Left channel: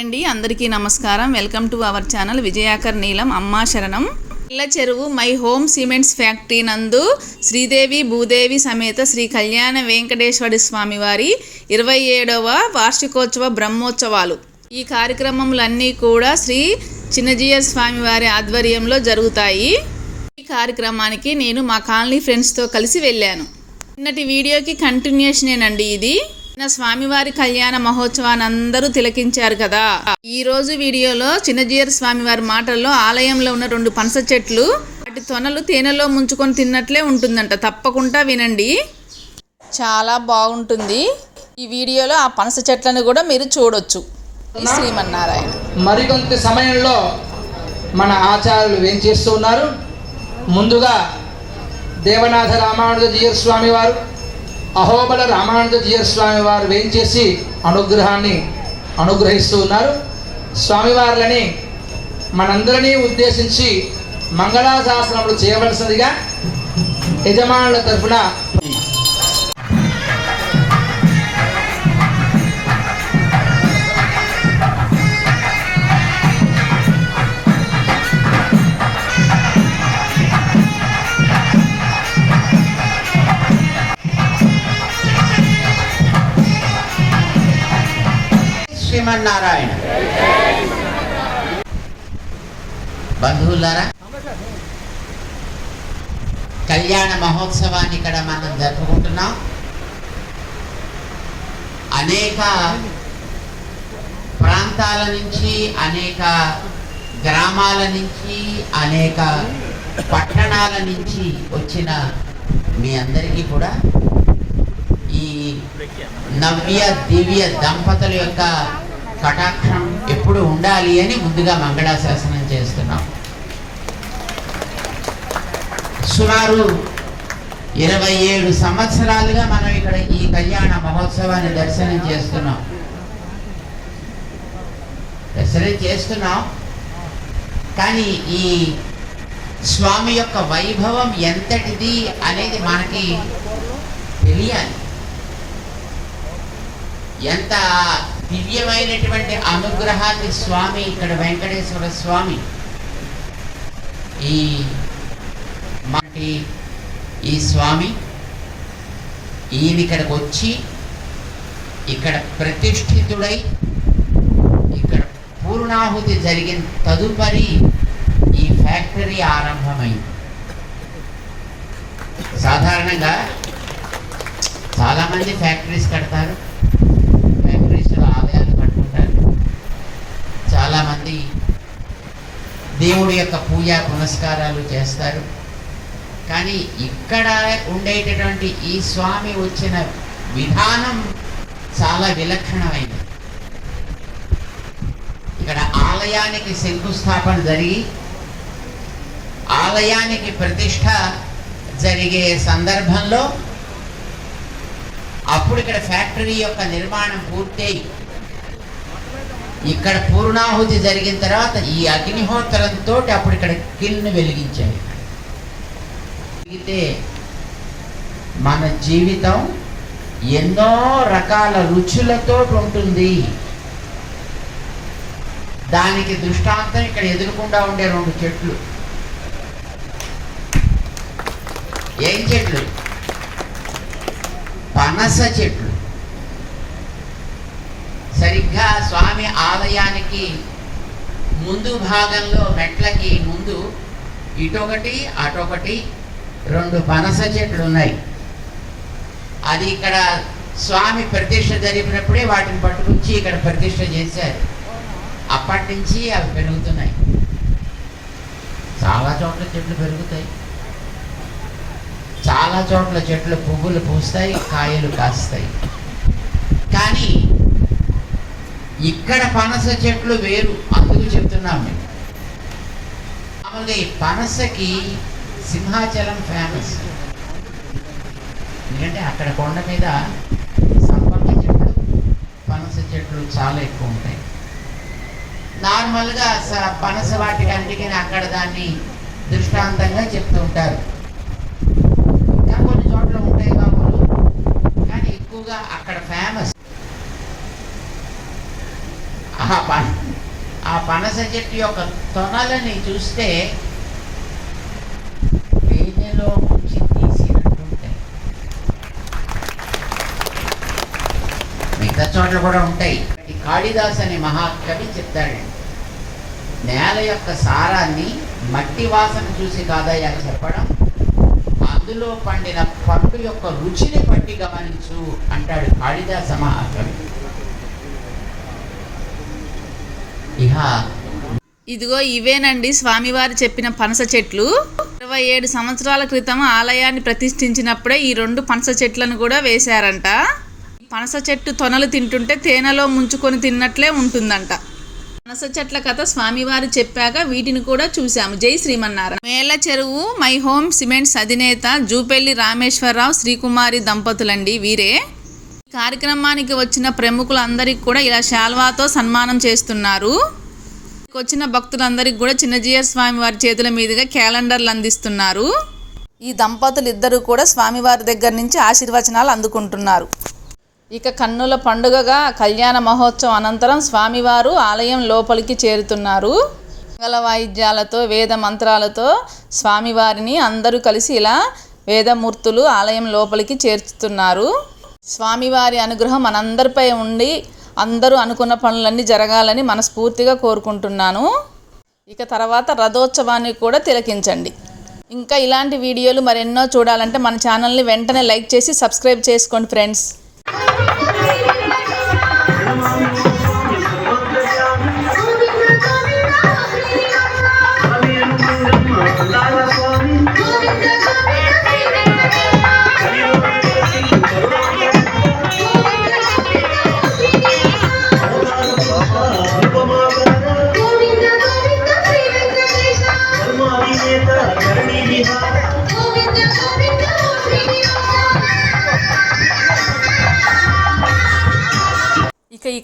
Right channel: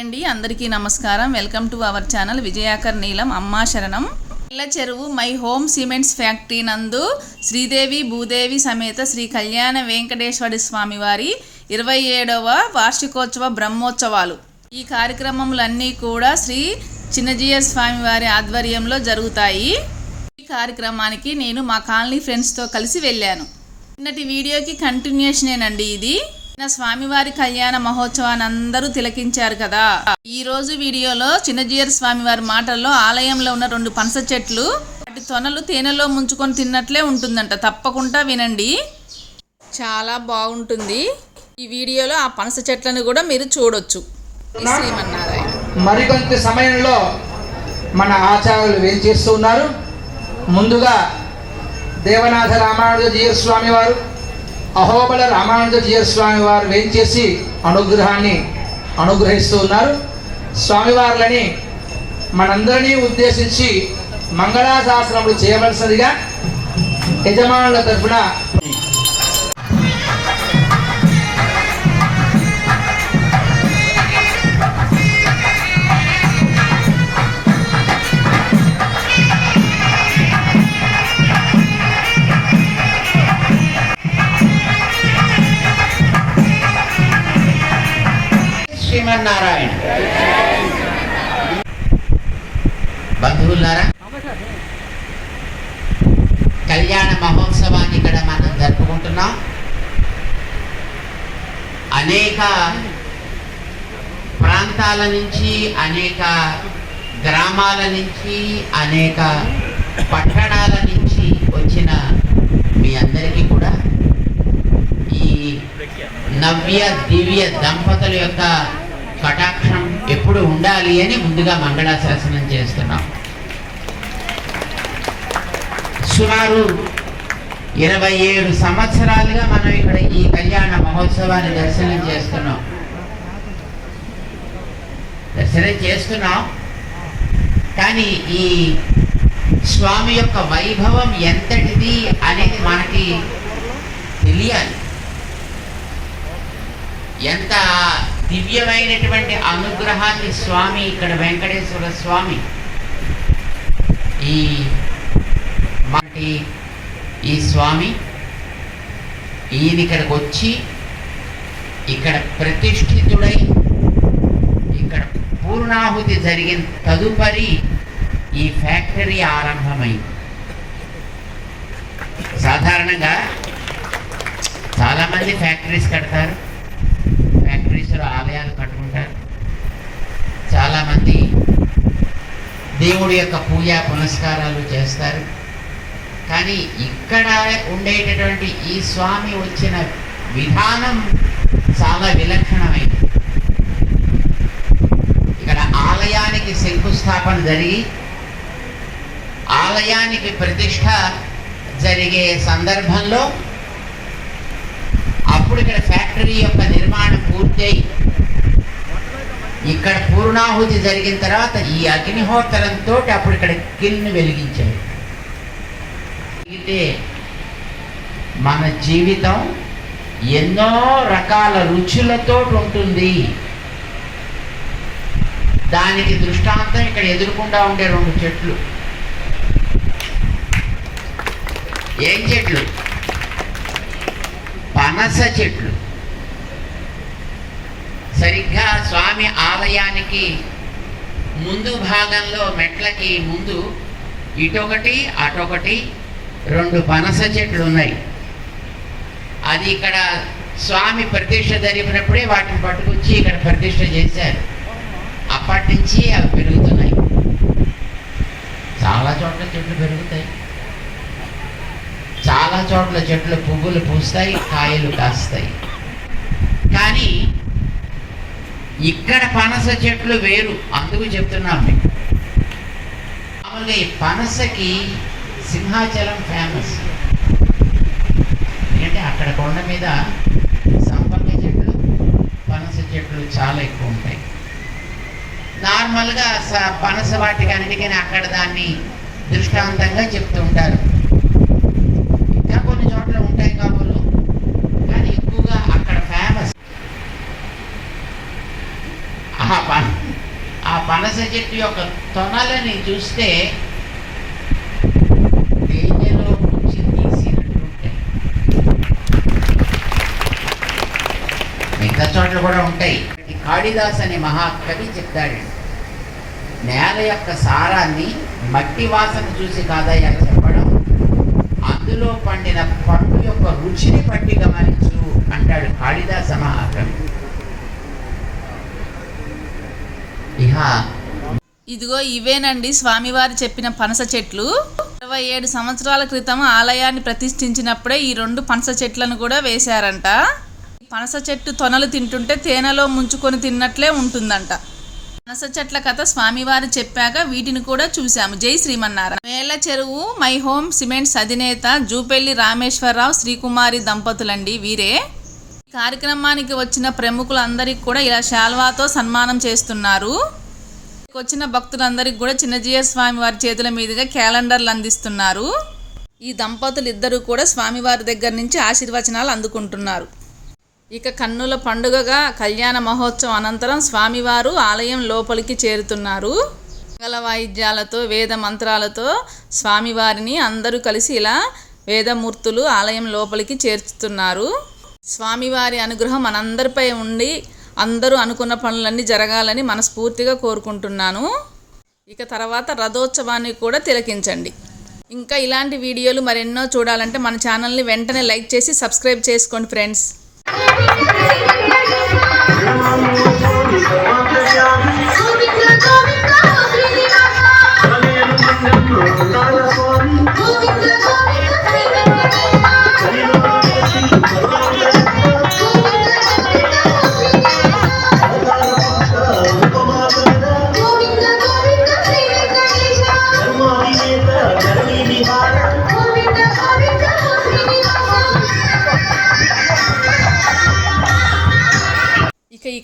అండి అందరికీ నమస్కారం. Welcome to our channel Vijayakar Neelam అమ్మా శరణం. పిల్ల చెరువు మై హోమ్ సిమెంట్స్ ఫ్యాక్టరీ నందు శ్రీదేవి భూదేవి సమేత శ్రీ కళ్యాణ వెంకటేశ్వర స్వామి వారి ఇరవై ఏడవ వార్షికోత్సవ బ్రహ్మోత్సవాలు. ఈ కార్యక్రమములన్నీ కూడా శ్రీ చిన్నజీయ స్వామి వారి ఆధ్వర్యంలో జరుగుతాయి. ఈ కార్యక్రమానికి నేను మా కాలనీ ఫ్రెండ్స్తో కలిసి వెళ్ళాను. నిన్నటి వీడియోకి కంటిన్యూషనేనండి ఇది. నిన్న స్వామివారి కళ్యాణ మహోత్సవాన్ని అందరూ తిలకించారు కదా. ఈ రోజు వీడియోలో చిన్నజీయర్ స్వామివారి మాటల్లో ఆలయంలో ఉన్న రెండు పనస చెట్లు వాటి తొనలు తేనెలో ముంచుకొని తిన్నట్లే ఉంటుందంట. తప్పకుండా వినండి. చాలా బాగుంటుంది. ఈ వీడియోలో ఆ పనస చెట్లను కూడా మీరు చూడొచ్చు. శ్రీమన్నారాయణ. మరికొంత సమయంలో మన ఆచార్యులు ఏం చేస్తూ ఉన్నారు? ముందుగా దేవనాథ రామానుజ జీయర్ స్వామి వారు అహోబల రామానంద జీయర్ స్వామి వారు వేయించేసి అనుగ్రహాన్ని అనుగ్రహిస్తూ ఉన్నారు. స్వామివార్లని మనందరినీ ఉద్దేశించి మంగళాశాసనములు చేయవలసినదిగా యజమానుల తరఫున శ్రీమన్నారాయణ. బంధువులారా కళ్యాణ మహోత్సవాన్ని ఇక్కడ మనం జరుపుకుంటున్నాం. అనేక ప్రాంతాల నుంచి అనేక గ్రామాల నుంచి అనేక పట్టణాల నుంచి వచ్చిన మీ అందరికీ కూడా ఈ నవ్య దివ్య దంపతుల యొక్క కటాక్షం ఎప్పుడు ఉండాలి అని ముందుగా మంగళాశాసనం చేస్తున్నాం. సుమారు ఇరవై ఏడు సంవత్సరాలుగా మనం ఇక్కడ ఈ కళ్యాణ మహోత్సవాన్ని దర్శనం చేస్తున్నాం. దర్శనం చేస్తున్నాం. కానీ ఈ స్వామి యొక్క వైభవం ఎంతటిది అనేది మనకి తెలియాలి. ఎంత దివ్యమైనటువంటి అనుగ్రహాన్ని స్వామి ఇక్కడ వెంకటేశ్వర స్వామి. ఈ మాటి ఈ స్వామి ఈయన ఇక్కడికి వచ్చి ఇక్కడ ప్రతిష్ఠితుడై ఇక్కడ పూర్ణాహుతి జరిగిన తదుపరి ఈ ఫ్యాక్టరీ ఆరంభమైంది. సాధారణంగా చాలామంది ఫ్యాక్టరీస్ కడతారు. అందరూ ఆలయాలు కట్టుకుంటారు. చాలామంది దేవుడి యొక్క పూజ పునస్కారాలు చేస్తారు. కానీ ఇక్కడ ఉండేటటువంటి ఈ స్వామి వచ్చిన విధానం చాలా విలక్షణమైనది ఇక్కడ ఆలయానికి శంకుస్థాపన జరిగి ఆలయానికి ప్రతిష్ట జరిగే సందర్భంలో అప్పుడు ఇక్కడ ఫ్యాక్టరీ యొక్క నిర్మాణం పూర్తయి. ఇక్కడ పూర్ణాహుతి జరిగిన తర్వాత ఈ అగ్నిహోత్రంతో అప్పుడు ఇక్కడ కిన్ను వెలిగించారు. అయితే మన జీవితం ఎన్నో రకాల రుచులతో ఉంటుంది. దానికి దృష్టాంతం ఇక్కడ ఎదురుకుండా ఉండే రెండు చెట్లు. ఏం చెట్లు? పనస చెట్లు. సరిగ్గా స్వామి ఆలయానికి ముందు భాగంలో మెట్లకి ముందు ఇటొకటి అటొకటి రెండు పనస చెట్లు ఉన్నాయి. అది ఇక్కడ స్వామి ప్రతిష్ట జరిపినప్పుడే వాటిని పట్టుకొచ్చి ఇక్కడ ప్రతిష్ట చేశారు. అప్పటి నుంచి అవి పెరుగుతున్నాయి. చాలా చోట్ల చెట్లు పెరుగుతాయి. చోట్ల చెట్లు పువ్వులు పూస్తాయి కాయలు కాస్తాయి. కానీ ఇక్కడ పనస చెట్లు వేరు అందుకు చెప్తున్నాం మామూలుగా ఈ పనసకి సింహాచలం ఫేమస్ ఎందుకంటే అక్కడ కొండ మీద సంపంగ చెట్లు పనస చెట్లు చాలా ఎక్కువ ఉంటాయి. నార్మల్గా స- పనస వాటికి అన్నిటికీ అక్కడ దాన్ని దృష్టాంతంగా చెప్తూ ఉంటారు. చోట్ల ఉంటాయి కాబోలు. కానీ ఎక్కువగా అక్కడ ఫేమస్ ఆ పనస ఆ పనస చెట్టు యొక్క తొనలని చూస్తే తేనెలో మిగతా చోట్ల కూడా ఉంటాయి. కాళిదాస్ అనే మహాకవి చెప్తాడు నేల యొక్క సారాన్ని మట్టి వాసన చూసి కాదయ్యా చెప్పడం అందులో పండిన పండు యొక్క రుచిని పట్టి గమనించు అంటాడు కాళిదాస మహాకవి. ఇదిగో ఇవేనండి స్వామివారు చెప్పిన పనస చెట్లు. ఇరవై ఏడు సంవత్సరాల క్రితం ఆలయాన్ని ప్రతిష్ఠించినప్పుడే ఈ రెండు పనస చెట్లను కూడా వేశారంట. పనస చెట్టు తొనలు తింటుంటే తేనెలో ముంచుకొని తిన్నట్లే ఉంటుందంట. పనస చెట్ల కథ స్వామివారు చెప్పాక వీటిని కూడా చూశాము. జై శ్రీమన్నారాయణ. మేళ్ళ చెరువు మై హోమ్ సిమెంట్స్ అధినేత జూపెల్లి రామేశ్వరరావు శ్రీకుమారి దంపతులండి వీరే. కార్యక్రమానికి వచ్చిన ప్రముఖులందరికీ కూడా ఇలా శాల్వాతో సన్మానం చేస్తున్నారు. వచ్చిన భక్తులందరికీ కూడా చిన్నజీయర్ స్వామి వారి చేతుల మీదుగా క్యాలెండర్లు అందిస్తున్నారు. ఈ దంపతులు ఇద్దరు కూడా స్వామివారి దగ్గర నుంచి ఆశీర్వచనాలు అందుకుంటున్నారు. ఇక కన్నుల పండుగగా కళ్యాణ మహోత్సవం అనంతరం స్వామివారు ఆలయం లోపలికి చేరుతున్నారు. మంగళ వాయిద్యాలతో వేద మంత్రాలతో స్వామివారిని అందరూ కలిసి ఇలా వేదమూర్తులు ఆలయం లోపలికి చేర్చుతున్నారు. స్వామివారి అనుగ్రహం మనందరిపై ఉండి అందరూ అనుకున్న పనులన్నీ జరగాలని మనస్ఫూర్తిగా కోరుకుంటున్నాను. ఇక తర్వాత రథోత్సవాన్ని కూడా తిలకించండి. ఇంకా ఇలాంటి వీడియోలు మరెన్నో చూడాలంటే మన ఛానల్ని వెంటనే లైక్ చేసి సబ్స్క్రైబ్ చేసుకోండి ఫ్రెండ్స్. Thank you.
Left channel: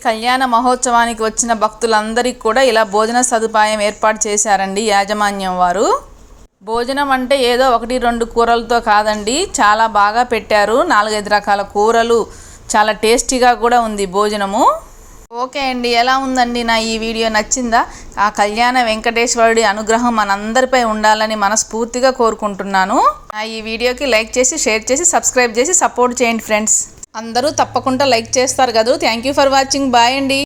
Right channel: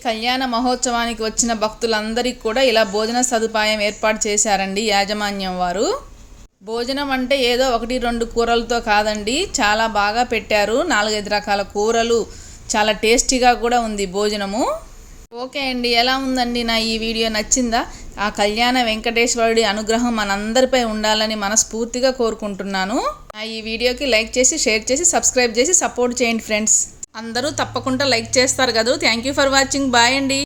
కళ్యాణ మహోత్సవానికి వచ్చిన భక్తులందరికీ కూడా ఇలా భోజన సదుపాయం ఏర్పాటు చేశారండి యాజమాన్యం వారు. భోజనం అంటే ఏదో ఒకటి రెండు కూరలతో కాదండి చాలా బాగా పెట్టారు. నాలుగైదు రకాల కూరలు చాలా టేస్టీగా కూడా ఉంది భోజనము. ఓకే అండి ఎలా ఉందండి? నా ఈ వీడియో నచ్చిందా? ఆ కళ్యాణ వెంకటేశ్వరుడి అనుగ్రహం మనందరిపై ఉండాలని మనస్ఫూర్తిగా కోరుకుంటున్నాను. నా ఈ వీడియోకి లైక్ చేసి షేర్ చేసి సబ్స్క్రైబ్ చేసి సపోర్ట్ చేయండి ఫ్రెండ్స్. అందరూ తప్పకుండా లైక్ చేస్తారు కదా. Thank you for watching bye అండి.